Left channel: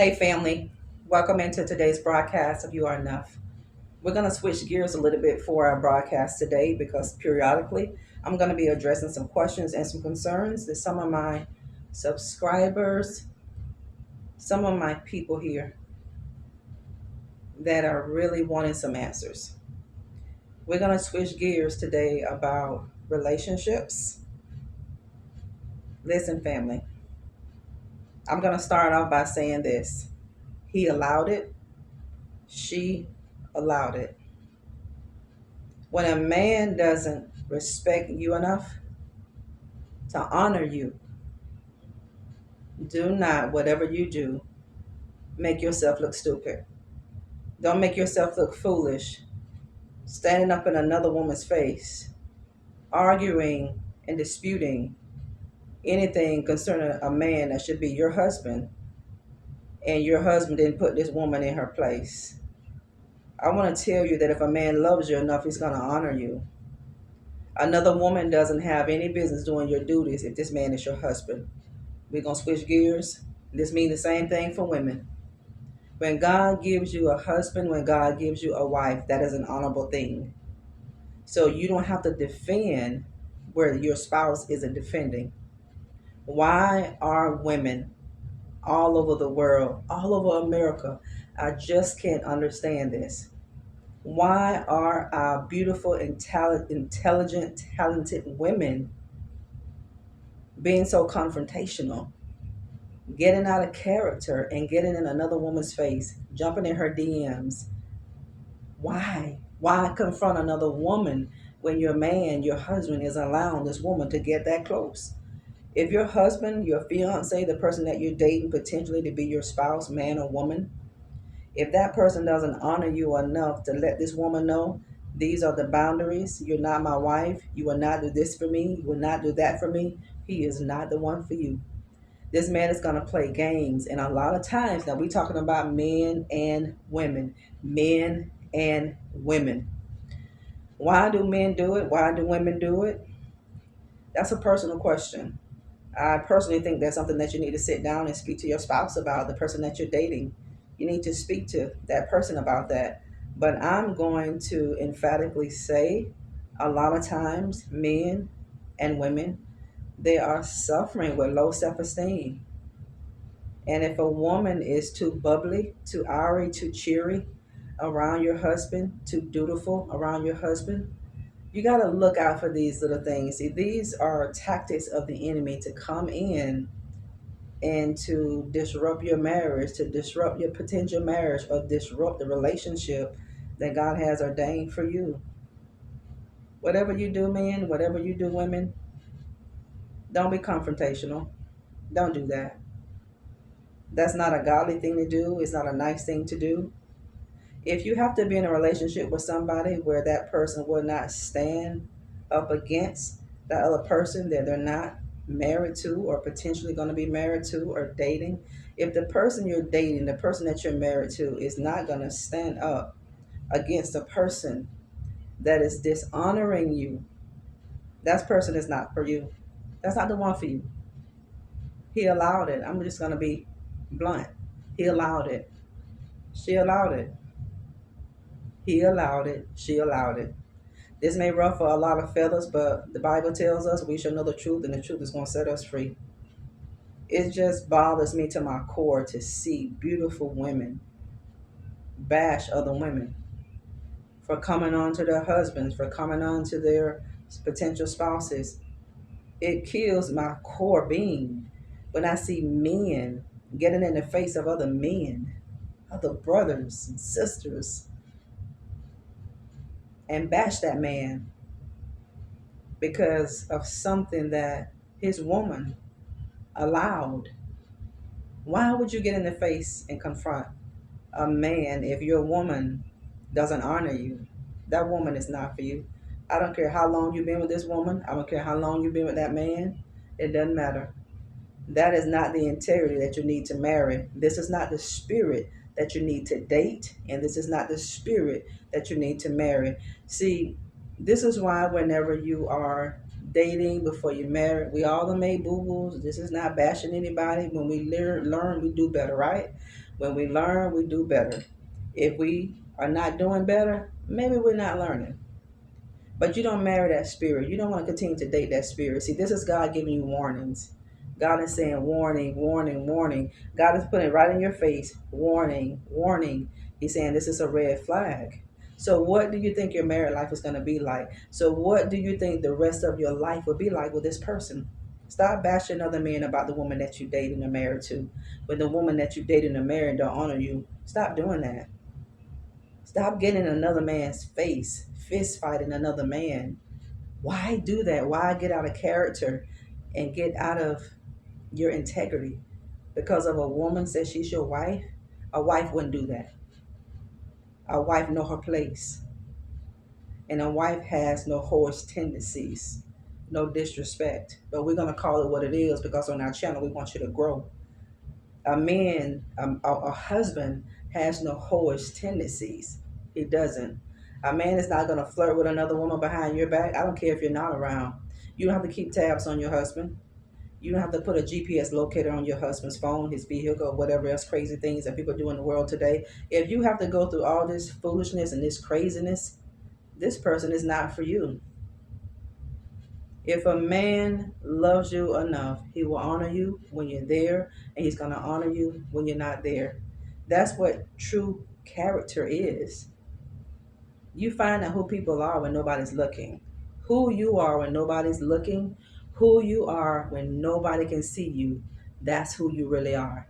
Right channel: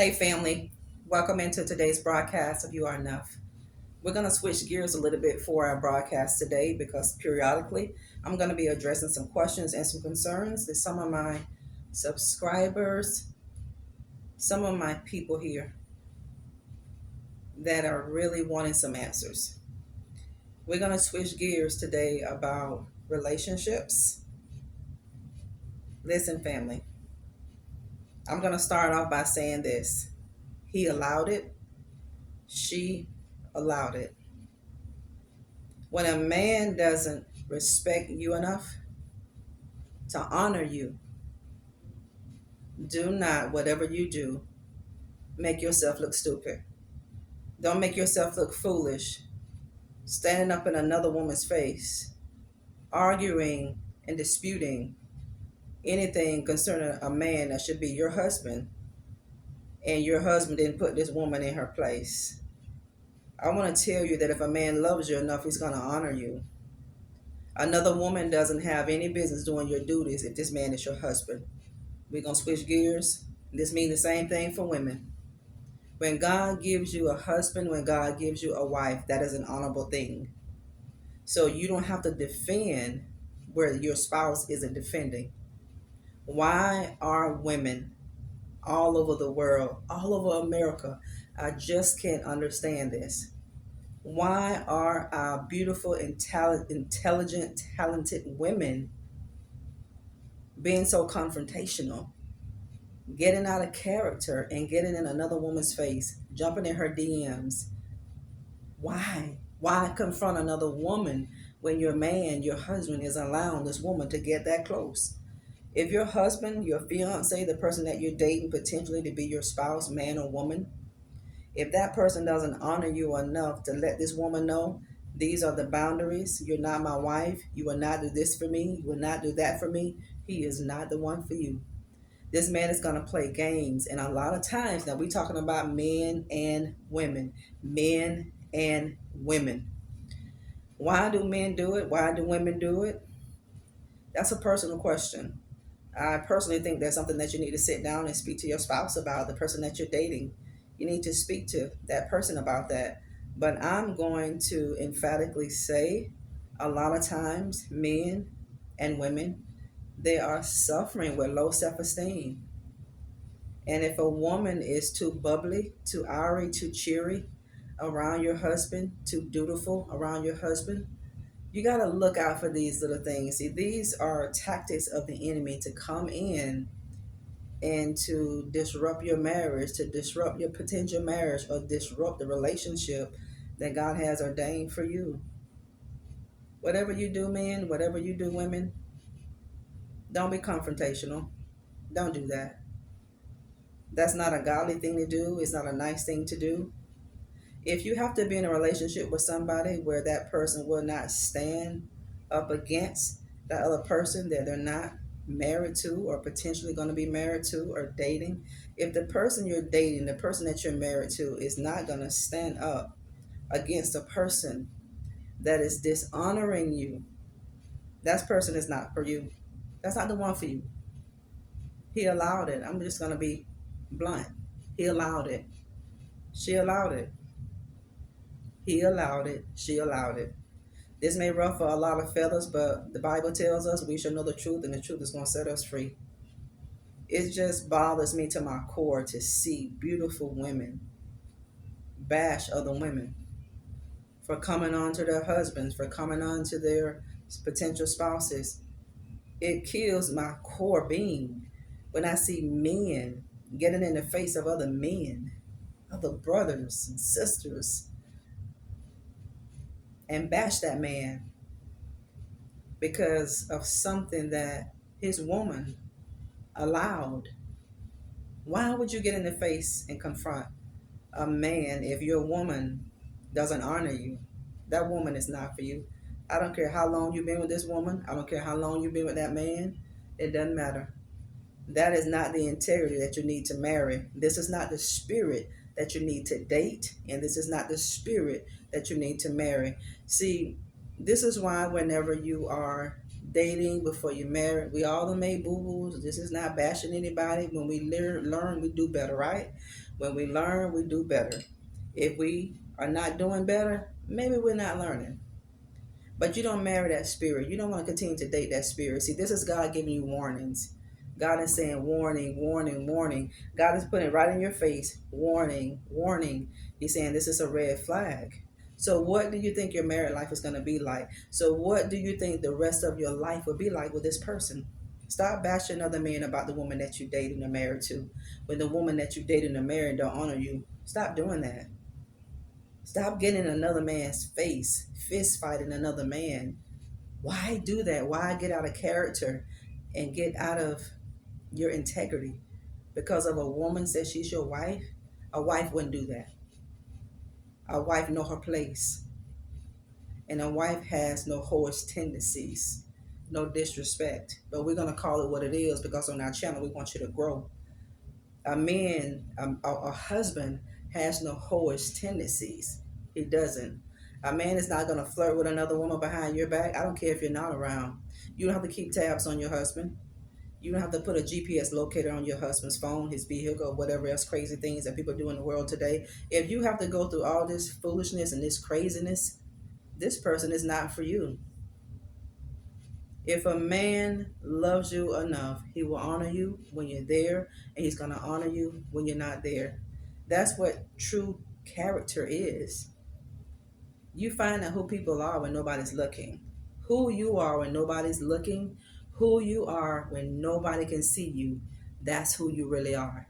Hey, family. Welcome into today's broadcast of You Are Enough. We're going to switch gears a little bit for our broadcast today because periodically I'm going to be addressing some questions and some concerns that some of my subscribers, some of my people here that are really wanting some answers. We're going to switch gears today about relationships. Listen, family, I'm going to start off by saying this. He allowed it, she allowed it. When a man doesn't respect you enough to honor you, do not, whatever you do, make yourself look stupid. Don't make yourself look foolish, standing up in another woman's face, arguing and disputing anything concerning a man that should be your husband, and your husband didn't put this woman in her place. I want to tell you that if a man loves you enough, he's going to honor you. Another woman doesn't have any business doing your duties if this man is your husband. We're going to switch gears. This means the same thing for women. When God gives you a husband, when God gives you a wife, that is an honorable thing. So you don't have to defend where your spouse isn't defending. Why are women all over the world, all over America? I just can't understand this. Why are our beautiful and intelligent, talented women being so confrontational? Getting out of character and getting in another woman's face, jumping in her DMs. Why? Why confront another woman when your man, your husband, is allowing this woman to get that close? If your husband, your fiance, the person that you're dating potentially to be your spouse, man or woman, if that person doesn't honor you enough to let this woman know these are the boundaries, you're not my wife, you will not do this for me, you will not do that for me, he is not the one for you. This man is going to play games. And a lot of times, now we're talking about men and women. Men and women. Why do men do it? Why do women do it? That's a personal question. I personally think that's something that you need to sit down and speak to your spouse about, the person that you're dating. You need to speak to that person about that. But I'm going to emphatically say a lot of times, men and women, they are suffering with low self esteem. And if a woman is too bubbly, too oury, too cheery around your husband, too dutiful around your husband, you got to look out for these little things. See, these are tactics of the enemy to come in and to disrupt your marriage, to disrupt your potential marriage, or disrupt the relationship that God has ordained for you. Whatever you do, men, whatever you do, women, don't be confrontational. Don't do that. That's not a godly thing to do. It's not a nice thing to do. If you have to be in a relationship with somebody where that person will not stand up against that other person that they're not married to or potentially going to be married to or dating, if the person you're dating, the person that you're married to, is not going to stand up against a person that is dishonoring you, that person is not for you. That's not the one for you. He allowed it. I'm just going to be blunt. He allowed it. She allowed it. He allowed it. She allowed it. This may ruffle a lot of feathers, but the Bible tells us we should know the truth, and the truth is going to set us free. It just bothers me to my core to see beautiful women bash other women for coming on to their husbands, for coming on to their potential spouses. It kills my core being when I see men getting in the face of other men, other brothers and sisters, and bash that man because of something that his woman allowed. Why would you get in the face and confront a man if your woman doesn't honor you? That woman is not for you. I don't care how long you've been with this woman. I don't care how long you've been with that man. It doesn't matter. That is not the integrity that you need to marry. This is not the spirit that you need to date, and this is not the spirit that you need to marry. See, this is why whenever you are dating before you marry. We all done made boo-boos. This is not bashing anybody. When we learn, we do better, right? When we learn, we do better. If we are not doing better, maybe we're not learning. But you don't marry that spirit. You don't want to continue to date that spirit. See, this is God giving you warnings. God is saying warning, warning, warning. God is putting it right in your face. Warning, warning. He's saying this is a red flag. So what do you think your married life is going to be like? So what do you think the rest of your life will be like with this person? Stop bashing other men about the woman that you dating or married to. When the woman that you dating or married don't honor you, stop doing that. Stop getting in another man's face, fist fighting another man. Why do that? Why get out of character and get out of your integrity? Because of a woman says she's your wife? A wife wouldn't do that. A wife know her place. And a wife has no horse tendencies, no disrespect. But we're going to call it what it is because on our channel we want you to grow. A husband has no whorish tendencies. He doesn't. A man is not going to flirt with another woman behind your back. I don't care if you're not around. You don't have to keep tabs on your husband. You don't have to put a GPS locator on your husband's phone, his vehicle, whatever else crazy things that people do in the world today. If you have to go through all this foolishness and this craziness, this person is not for you. If a man loves you enough, he will honor you when you're there, and he's going to honor you when you're not there. That's what true character is. You find out who people are when nobody's looking. Who you are when nobody's looking, who you are when nobody can see you, that's who you really are.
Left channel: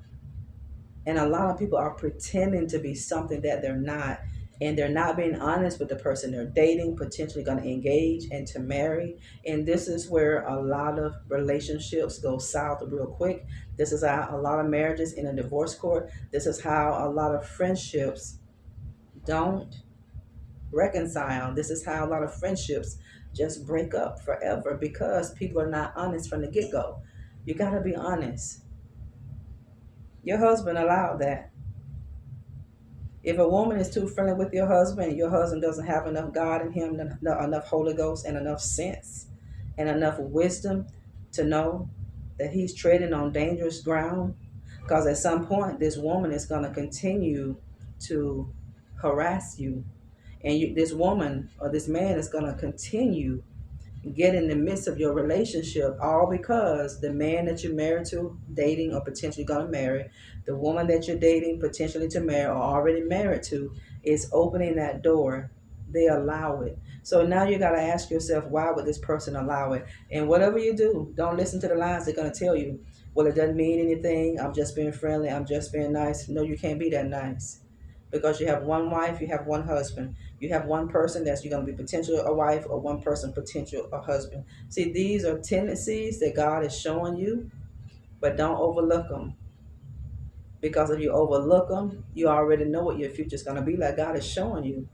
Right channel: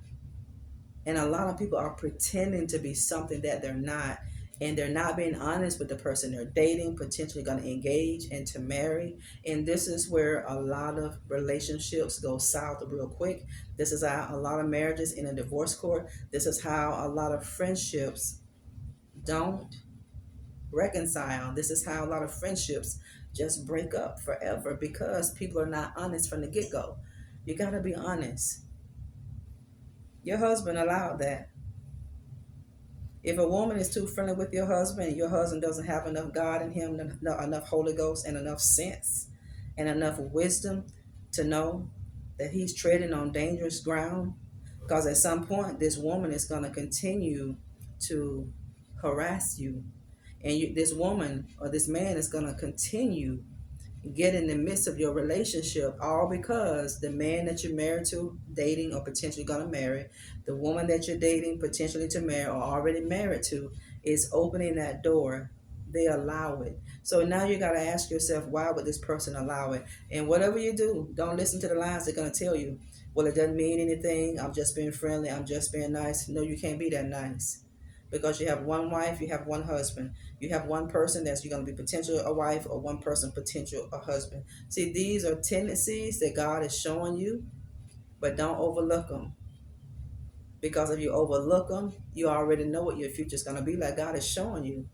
And a lot of people are pretending to be something that they're not. And they're not being honest with the person they're dating, potentially going to engage and to marry. And this is where a lot of relationships go south real quick. This is how a lot of marriages in a divorce court. This is how a lot of friendships don't reconcile. This is how a lot of friendships just break up forever because people are not honest from the get-go. You got to be honest. Your husband allowed that. If a woman is too friendly with your husband and your husband doesn't have enough God in him, enough Holy Ghost and enough sense and enough wisdom to know that he's treading on dangerous ground, because at some point this woman is going to continue to harass you, and this woman or this man is going to continue get in the midst of your relationship, all because the man that you're married to, dating, or potentially going to marry, the woman that you're dating, potentially to marry, or already married to, is opening that door. They allow it. So now you got to ask yourself, why would this person allow it? And whatever you do, don't listen to the lies they're going to tell you. Well, it doesn't mean anything. I'm just being friendly. I'm just being nice. No, you can't be that nice. Because you have one wife, you have one husband. You have one person that's you're going to be potential a wife, or one person potential a husband. See, these are tendencies that God is showing you, but don't overlook them. Because if you overlook them, you already know what your future is going to be like. God is showing you.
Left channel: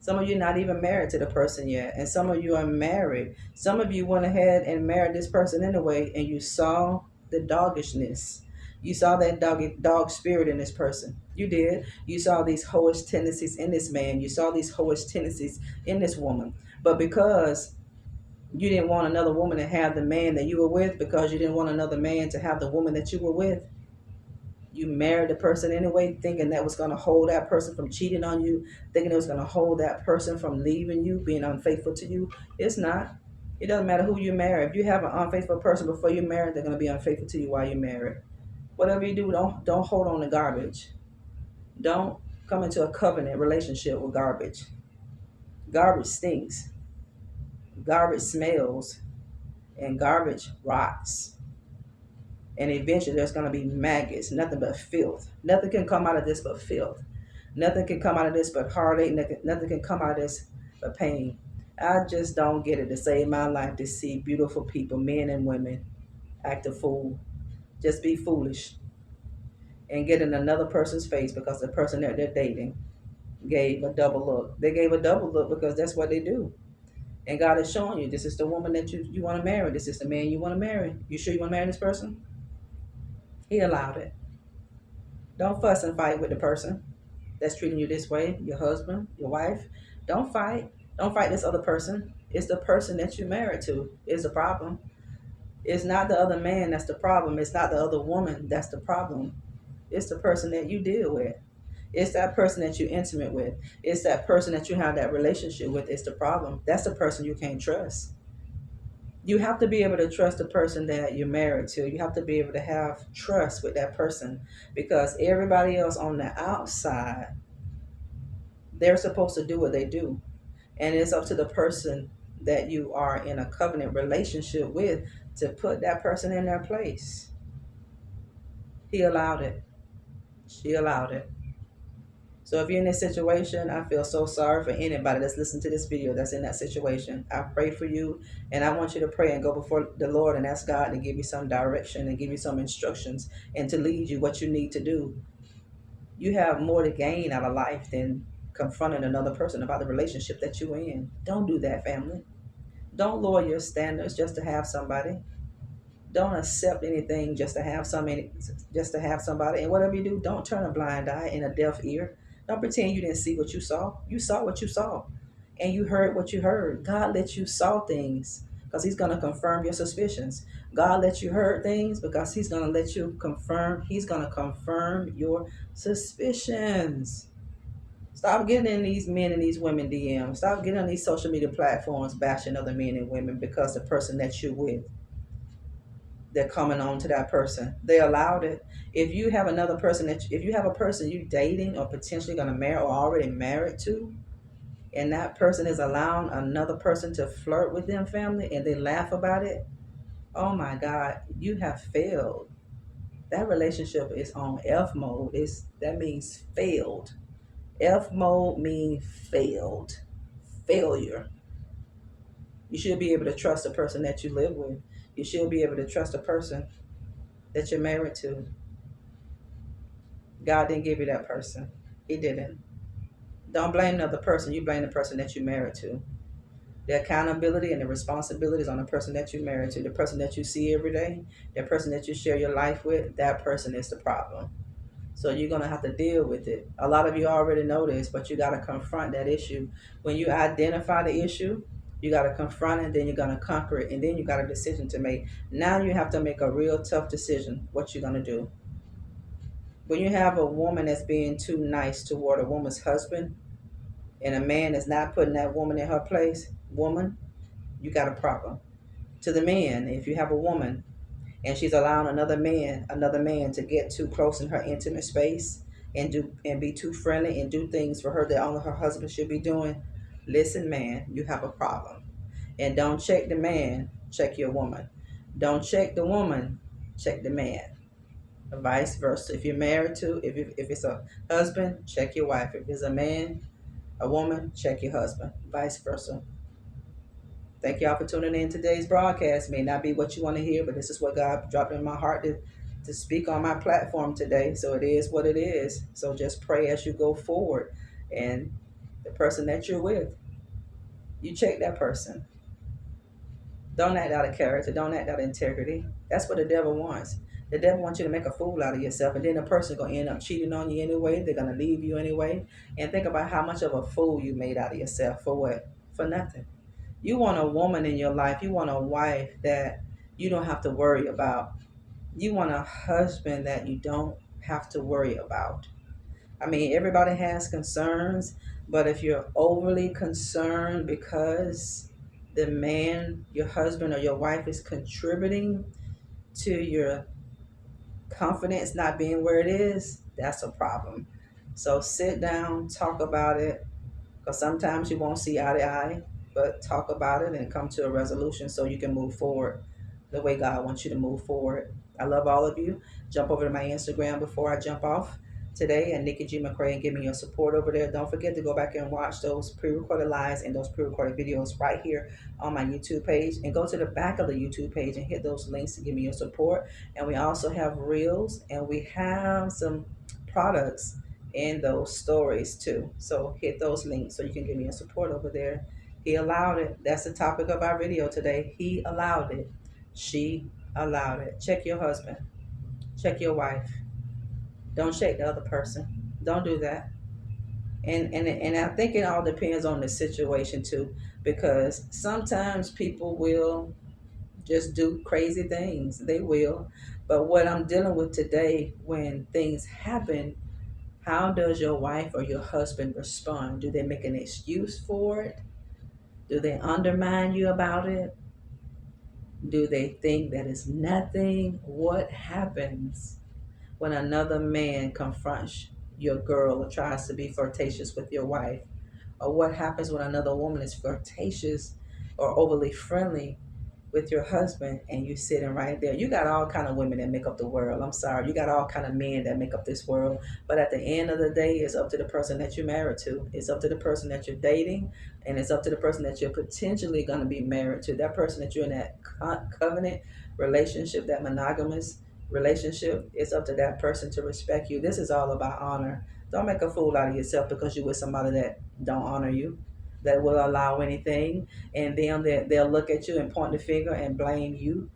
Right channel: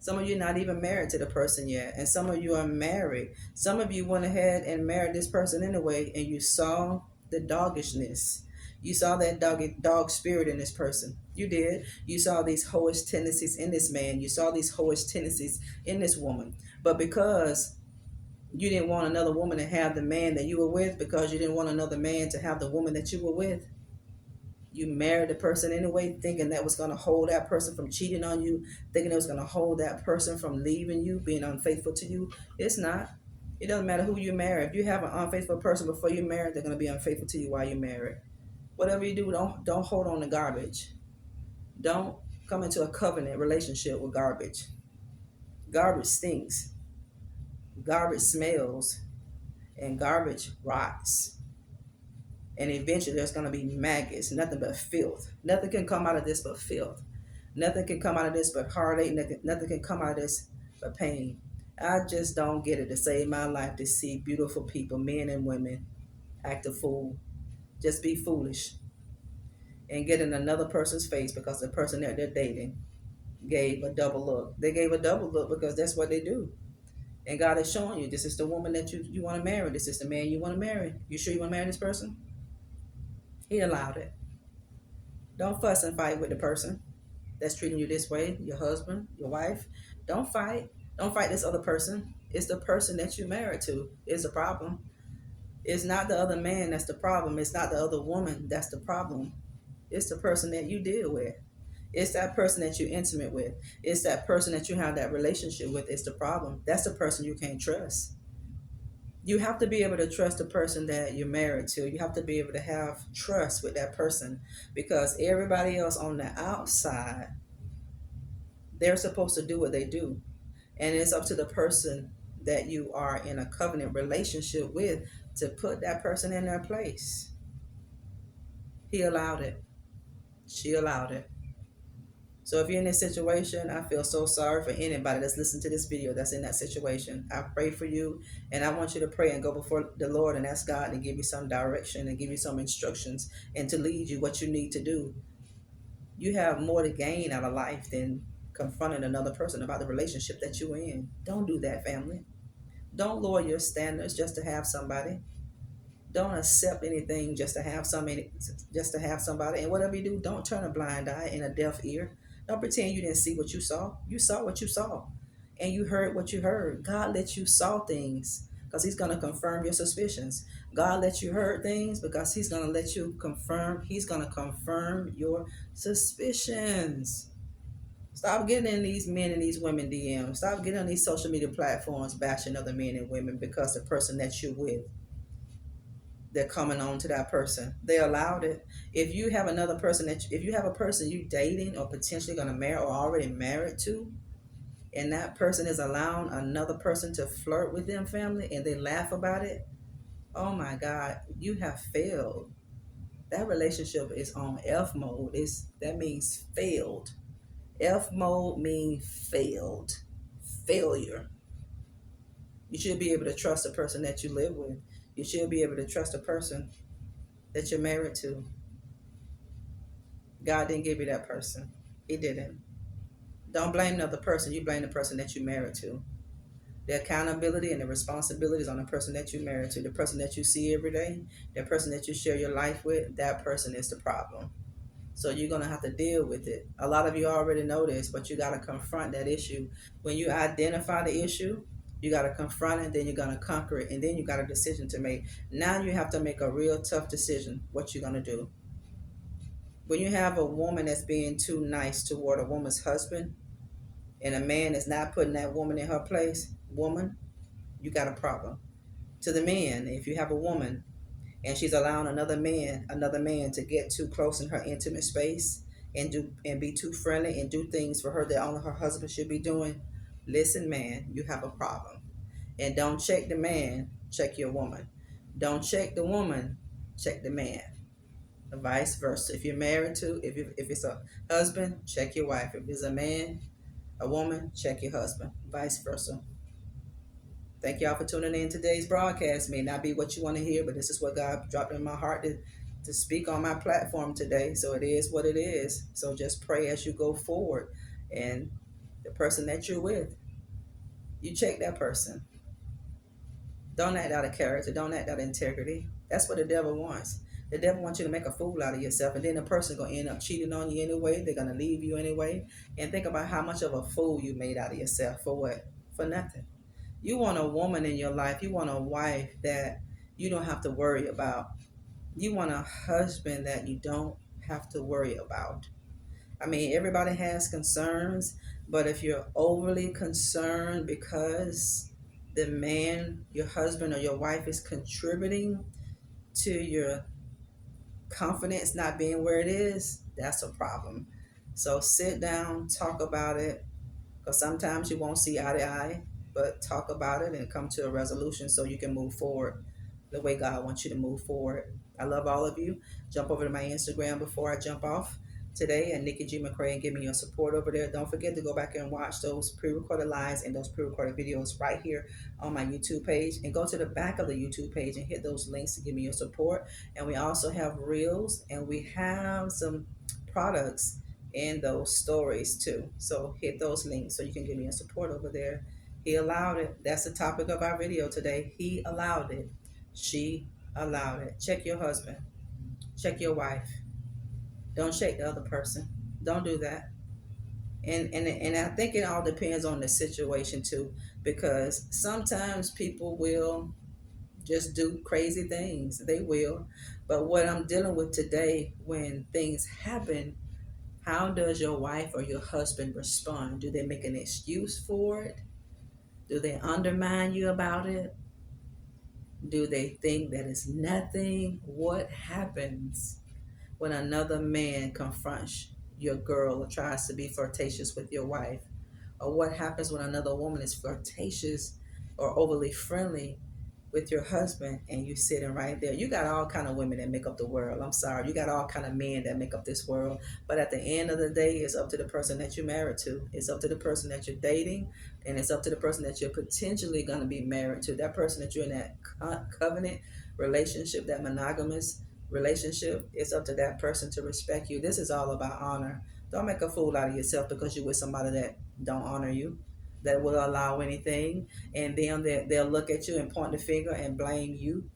Some of you are not even married to the person yet, and some of you are married. Some of you went ahead and married this person anyway, and you saw the doggishness. You saw that dog spirit in this person. You did. You saw these hoish tendencies in this man. You saw these hoish tendencies in this woman. But because you didn't want another woman to have the man that you were with, because you didn't want another man to have the woman that you were with, you married the person anyway, thinking that was going to hold that person from cheating on you, thinking it was going to hold that person from leaving you, being unfaithful to you. It's not. It doesn't matter who you marry. If you have an unfaithful person before you marry, they're going to be unfaithful to you while you're married. Whatever you do, don't hold on to garbage. Don't come into a covenant relationship with garbage. Garbage stinks. Garbage smells. And garbage rots. And eventually there's going to be maggots, nothing but filth. Nothing can come out of this but filth. Nothing can come out of this but heartache. Nothing can come out of this but pain. I just don't get it to save my life to see beautiful people, men and women, act a fool. Just be foolish and get in another person's face because the person that they're dating gave a double look. They gave a double look because that's what they do. And God is showing you, this is the woman that you want to marry. This is the man you want to marry. You sure you want to marry this person? He allowed it. Don't fuss and fight with the person that's treating you this way, your husband, your wife. Don't fight. Don't fight this other person. It's the person that you married to is the problem. It's not the other man that's the problem. It's not the other woman that's the problem. It's the person that you deal with. It's that person that you're intimate with. It's that person that you have that relationship with. It's the problem. That's the person you can't trust. You have to be able to trust the person that you're married to. You have to be able to have trust with that person, because everybody else on the outside, they're supposed to do what they do. And it's up to the person that you are in a covenant relationship with to put that person in their place. He allowed it. She allowed it. So if you're in this situation, I feel so sorry for anybody that's listening to this video that's in that situation. I pray for you, and I want you to pray and go before the Lord and ask God to give you some direction and give you some instructions and to lead you what you need to do. You have more to gain out of life than confronting another person about the relationship that you're in. Don't do that, family. Don't lower your standards just to have somebody. Don't accept anything just to have somebody. And whatever you do, don't turn a blind eye and a deaf ear. Don't pretend you didn't see what you saw. You saw what you saw, and you heard what you heard. God let you saw things because He's gonna confirm your suspicions. God let you heard things because He's gonna let you confirm. He's gonna confirm your suspicions. Stop getting in these men and these women DMs. Stop getting on these social media platforms bashing other men and women because the person that you're with, they're coming on to that person. They allowed it. If you have another person if you have a person you dating or potentially going to marry or already married to, and that person is allowing another person to flirt with them, family, and they laugh about it, oh my God, you have failed. That relationship is on F mode. That means failed. F mode means failed. Failure. You should be able to trust the person that you live with. You should be able to trust the person that you're married to. God didn't give you that person. He didn't. Don't blame the other person. You blame the person that you're married to. The accountability and the responsibility is on the person that you're married to. The person that you see every day, the person that you share your life with, that person is the problem. So you're going to have to deal with it. A lot of you already know this, but you got to confront that issue. When you identify the issue, you got to confront it, then you're going to conquer it, and then you got a decision to make. Now you have to make a real tough decision what you're going to do. When you have a woman that's being too nice toward a woman's husband, and a man is not putting that woman in her place, woman, you got a problem. To the man, if you have a woman and she's allowing another man to get too close in her intimate space and be too friendly and do things for her that only her husband should be doing, listen, man, you have a problem. And don't check the man, check your woman. Don't check the woman, check the man. Vice versa. If you're married to, if it's a husband, check your wife. If it's a man, a woman, check your husband. Vice versa. Thank y'all for tuning in. Today's broadcast may not be what you want to hear, but this is what God dropped in my heart to speak on my platform today. So it is what it is. So just pray as you go forward. And the person that you're with, you check that person. Don't act out of character. Don't act out of integrity. That's what the devil wants. The devil wants you to make a fool out of yourself, and then the person's going to end up cheating on you anyway. They're going to leave you anyway. And think about how much of a fool you made out of yourself. For what? For nothing. You want a woman in your life. You want a wife that you don't have to worry about. You want a husband that you don't have to worry about. I mean, everybody has concerns, but if you're overly concerned because the man, your husband or your wife is contributing to your confidence not being where it is, that's a problem. So sit down, talk about it, because sometimes you won't see eye to eye, but talk about it and come to a resolution so you can move forward the way God wants you to move forward. I love all of you. Jump over to my Instagram before I jump off today and Nikki McCray, and give me your support over there. Don't forget to go back and watch those pre-recorded lives and those pre-recorded videos right here on my YouTube page, and go to the back of the YouTube page and hit those links to give me your support. And we also have reels, and we have some products in those stories too. So hit those links so you can give me your support over there. He allowed it. That's the topic of our video today. He allowed it. She allowed it. Check your husband. Check your wife. Don't check the other person. Don't do that. And I think it all depends on the situation too, because sometimes people will just do crazy things. They will. But what I'm dealing with today, when things happen, how does your wife or your husband respond? Do they make an excuse for it? Do they undermine you about it? Do they think that it's nothing? What happens when another man confronts your girl or tries to be flirtatious with your wife? Or what happens when another woman is flirtatious or overly friendly with your husband and you're sitting right there? You got all kind of women that make up the world. I'm sorry, you got all kind of men that make up this world. But at the end of the day, it's up to the person that you're married to. It's up to the person that you're dating, and it's up to the person that you're potentially going to be married to. That person that you're in that covenant relationship, that monogamous relationship, it's up to that person to respect you. This is all about honor. Don't make a fool out of yourself because you're with somebody that don't honor you, that will allow anything, and then they'll look at you and point the finger and blame you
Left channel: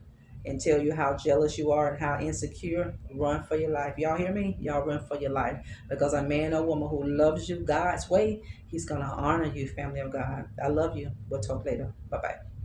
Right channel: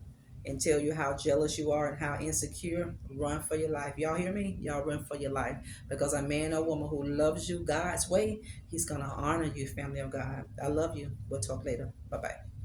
and tell you how jealous you are and how insecure. Run for your life. Y'all hear me? Y'all run for your life, because a man or woman who loves you God's way, he's gonna honor you, family of God. I love you. We'll talk later. Bye bye.